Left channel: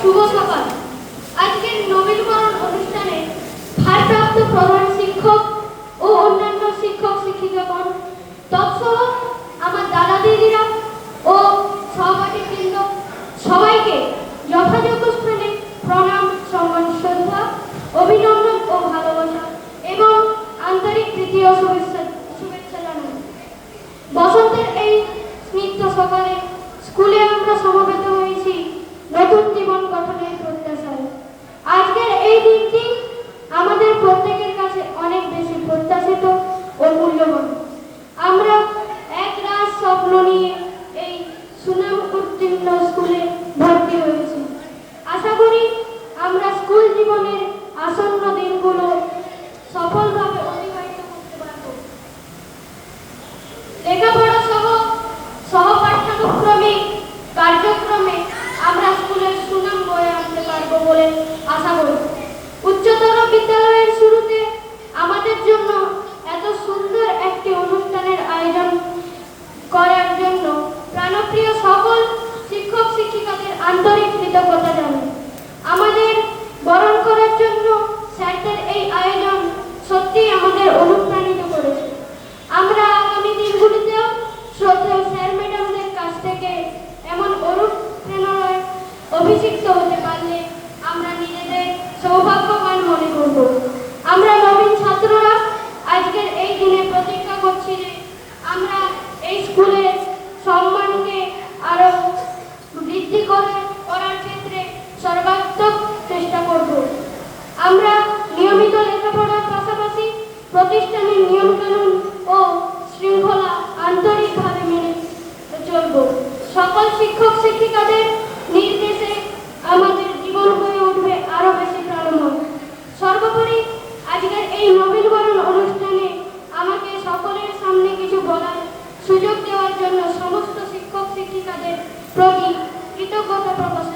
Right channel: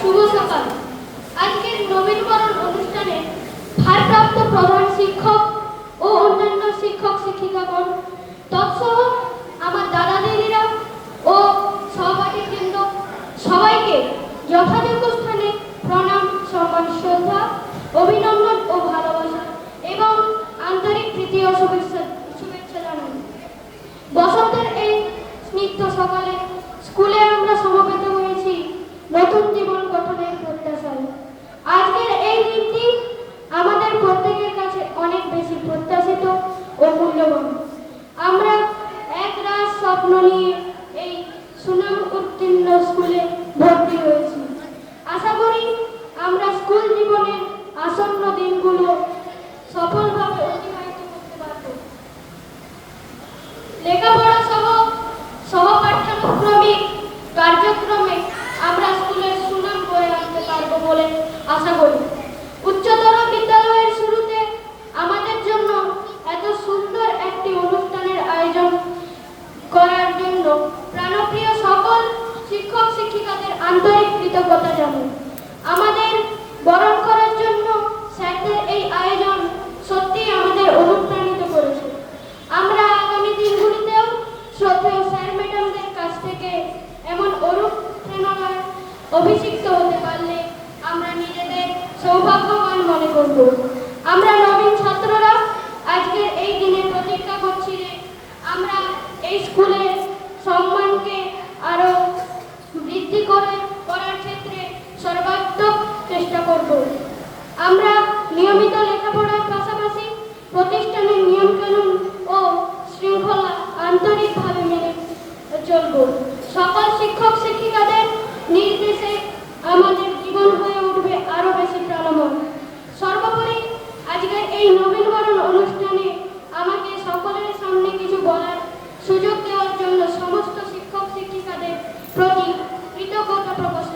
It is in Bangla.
শুভ সকাল। আজকের নবীনবরণ অনুষ্ঠানে ভারপ্রাপ্ত প্রধান শিক্ষক ও অন্যান্য শিক্ষক শিক্ষিকাগণ তৎসহ আমার দাদা দিদিরা ও সহপাঠীবৃন্দ সবাইকে যথাযোগ্য স্থানে প্রণাম, সম্মান, শ্রদ্ধা, অভিনন্দন ও ভালোবাসা এবং আন্তরিক প্রীতি ও শুভেচ্ছা জানাই। বসন্তের এই স্নিগ্ধ সকালে স্কুলে আমরা সমবেত হয়েছি নতুন জীবন গঠনের প্রত্যাশায়। আজকের এই দিনটি আমাদের প্রত্যেকের কাছে অনেক বেশি প্রত্যাশিত ও মূল্যবান। আমরা এক রাত স্বপ্ন নিয়ে এই সুনাম উত্তীর্ণ স্কুলে ভর্তি হয়েছি। আশা করি আমরা স্কুল জীবনের আসন্ন দিনগুলো সফলভাবে অতিবাহিত করতে পারব। লেখাপড়া সহ পাঠ্যানুক্রমিক কার্যক্রমে আমরা স্কুলের সুনাম বয়ে আনতে পারবো বলে আশা করি। উচ্চতর বিদ্যালয়ের শুরুতে আমাদের জন্য এত সুন্দর একটি অনুষ্ঠানের আয়োজন করার জন্য প্রাণপ্রিয় সকল শিক্ষক শিক্ষিকাদের আন্তরিক কৃতজ্ঞতা জানাই। আমাদের বরণ করার জন্য স্যারদের এই আয়োজন সত্যি আমাদের অনুপ্রাণিত করেছে। আমরা আগামী দিনগুলিতেও শ্রদ্ধেয় স্যার ম্যাডামদের কাছ থেকে এমন অনুপ্রেরণায় অভিষিক্ত হতে পারলে আমরা নিজেদের সৌভাগ্যবান মনে করব। আমরা নবীন ছাত্ররা আজকের এই দিনে প্রতিজ্ঞা করছি যে আমরা এই স্কুলের সম্মানকে আরো বৃদ্ধি করার ক্ষেত্রে সর্বাত্মক চেষ্টা করব। আমরা নিয়মিত লেখাপড়ার পাশাপাশি প্রতিষ্ঠানের নিয়মকানুন ও শৃঙ্খলা আন্তরিকভাবে মেনে চলব। সকল শিক্ষক শিক্ষিকাদের নির্দেশে আমাদের জীবন হয়ে উঠবে আরো বেশি প্রাণময়। সর্বোপরি আজকের এই নবীনবরণ অনুষ্ঠানে আমাকে সকলের সামনে কিছু বলার সুযোগ দেওয়ার জন্য সমস্ত শিক্ষক শিক্ষিকাদের প্রতি কৃতজ্ঞতা প্রকাশ